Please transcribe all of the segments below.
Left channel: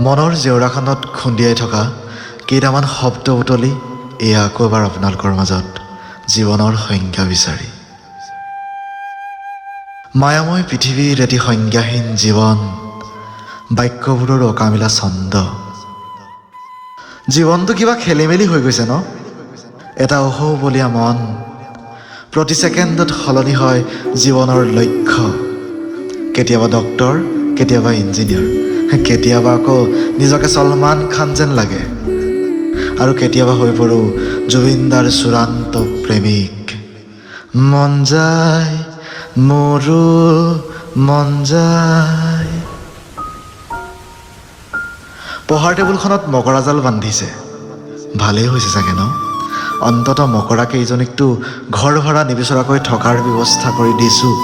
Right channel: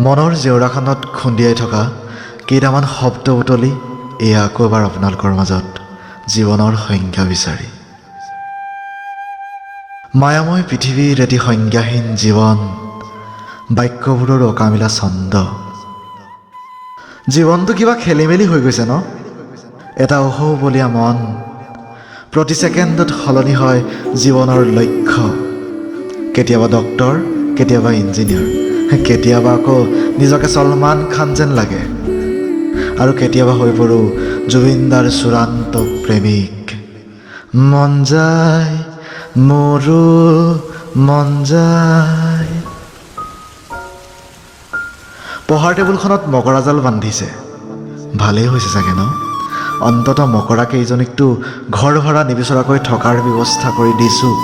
মনৰ জেউৰাখনত খুন্দিয়াই থকা কেইটামান শব্দ বুটলি এয়া আকৌ এবাৰ আপোনালোকৰ মাজত জীৱনৰ সংজ্ঞা বিচাৰি। মায়াময় পৃথিৱীৰ এটি সংজ্ঞাহীন জীৱন, বাক্যবোৰৰ অকামিলা ছন্দ। জীৱনটো কিবা খেলি মেলি হৈ গৈছে ন? এটা অহৌবলীয়া মন, প্ৰতি ছেকেণ্ডত সলনি হয় জীৱনৰ লক্ষ্য। কেতিয়াবা ডক্তৰ, কেতিয়াবা ইঞ্জিনিয়াৰ, কেতিয়াবা আকৌ নিজকে ছলমান খান যেন লাগে, আৰু কেতিয়াবা হৈ পৰোঁ জুবিনদাৰ চূড়ান্ত প্ৰেমিক। মন যায় মোৰো মন যায়। পঢ়াৰ টেবুলখনত মকৰাজাল বান্ধিছে, ভালেই হৈছে চাগে ন? অন্তত মকৰা কেইজনীকতো ঘৰ ভাড়া নিবিচৰাকৈ থকাৰ ব্যৱস্থা কৰি দিছোঁ।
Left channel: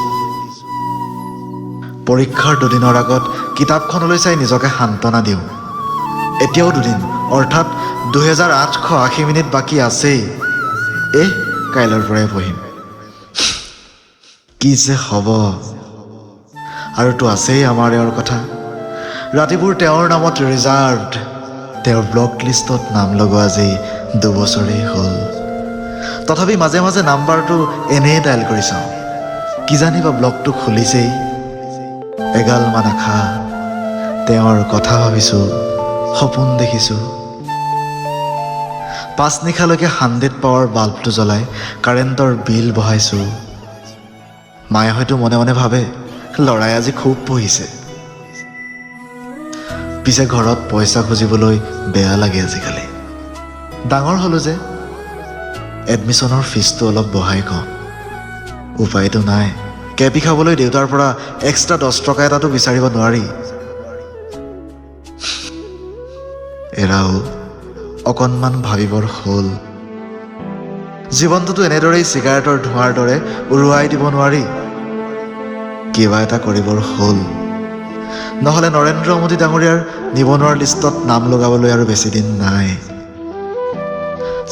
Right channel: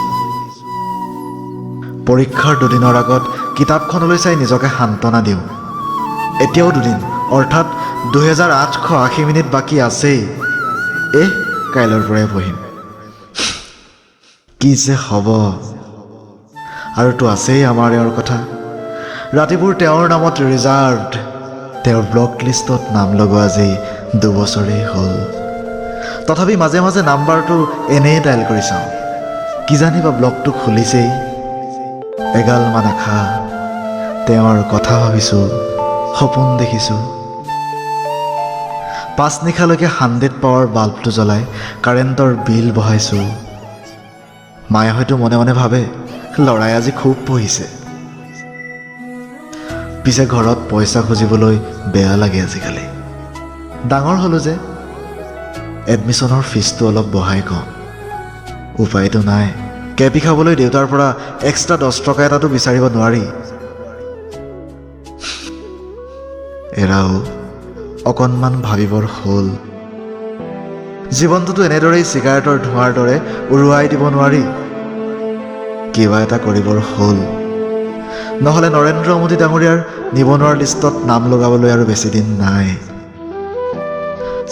পৰীক্ষাৰ দুদিনৰ আগত কিতাপখনলৈ চাই নিজকে সান্তনা দিওঁ। এতিয়াও দুদিন, অৰ্থাৎ 2880 মিনিট বাকী আছেই। কাইলৈৰ পৰাই পঢ়িম। কি যে হ'ব। আৰুতো আছেই আমাৰ এওঁৰ কথা। ৰাতিবোৰ তেওঁৰ নামত ৰিজাৰ্ভড। তেওঁৰ ব্লক লিষ্টত নাম লগোৱা আজি 2 বছৰেই হ'ল। তথাপি মাজে মাজে নাম্বাৰটো এনেই ডাইল কৰি চাওঁ। কিজানিবা ব্লকটো খুলিছেই। এগালমান আশা, তেওঁৰ কথা ভাবিছোঁ, সপোন দেখিছোঁ। 5 নিশালৈকে 100 পাৱাৰ বাল্বটো জ্বলাই কাৰেণ্টৰ বিল বহাইছোঁ। মায়ে হয়তো মনে মনে ভাবে ল'ৰাই আজি খুব পঢ়িছে। পিছে ঘৰত পইচা খুজিবলৈ বেয়া লাগে আজিকালি। ডাঙৰ হ'লোঁ যে, এডমিশ্যনৰ ফিজটো অলপ বঢ়াই কওঁ। উপায়তো নাই। কেপি খাবলৈ দেউতাৰ পৰা এক্সট্ৰা 10 টকা এটাতো বিচাৰিব নোৱাৰি। এৰাও অকণমান ভাবিবৰ হ'ল। জীৱনটোতো এনেদৰেই চিগাৰেটৰ ধোঁৱাৰ দৰে উৰুৱাই দিব নোৱাৰি। কিবা এটা কৰিবৰ হ'ল, নহ'লে নৰেন্দ্ৰ মোদী ডাঙৰীয়াৰ নিবনুৱাৰ লিষ্টত নাম লগাবলৈ আৰু বেছি দিন নাই।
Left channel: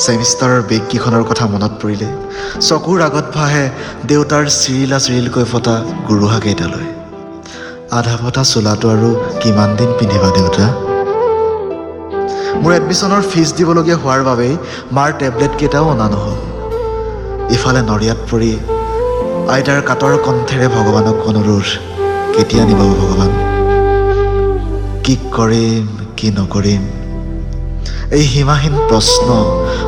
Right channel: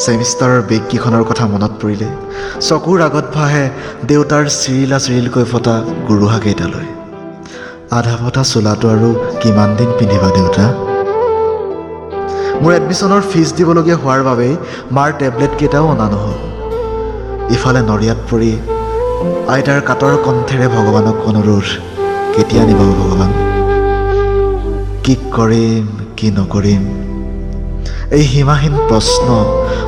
ছেমিষ্টাৰৰ বেগকেইখনৰ কথা মনত পৰিলে চকুৰ আগত ভাহে দেউতাৰ চিৰিলকৈ ফটা গুৰুহা কেইটালৈ। আধা ফটা চোলাটো আৰু কিমান দিন পিন্ধিবা দেউতা? মোৰ এডমিশ্যনৰ ফিজ দিবলগীয়া হোৱাৰ বাবেই মাৰ টেবলেট কেইটাও অনা নহ'ল। ইফালে নৰিয়াত পৰি আইতাৰ কাতৰ কণ্ঠেৰে ভগৱানক অনুৰোধ, কেতিয়া নিব ভগৱান? কি কৰিম, কি নকৰিম? এই সীমাহীন প্ৰশ্ন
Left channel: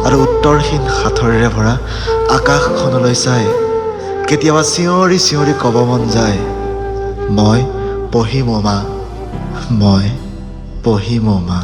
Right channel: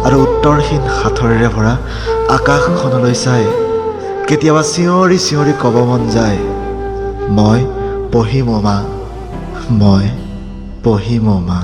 আৰু উত্তৰহীন সাঁথৰেৰে ভৰা আকাশখনলৈ চাই কেতিয়াবা চিঞৰি চিঞৰি ক'ব মন যায়, মই পঢ়িম অ' মা, মই পঢ়িম অ' মা।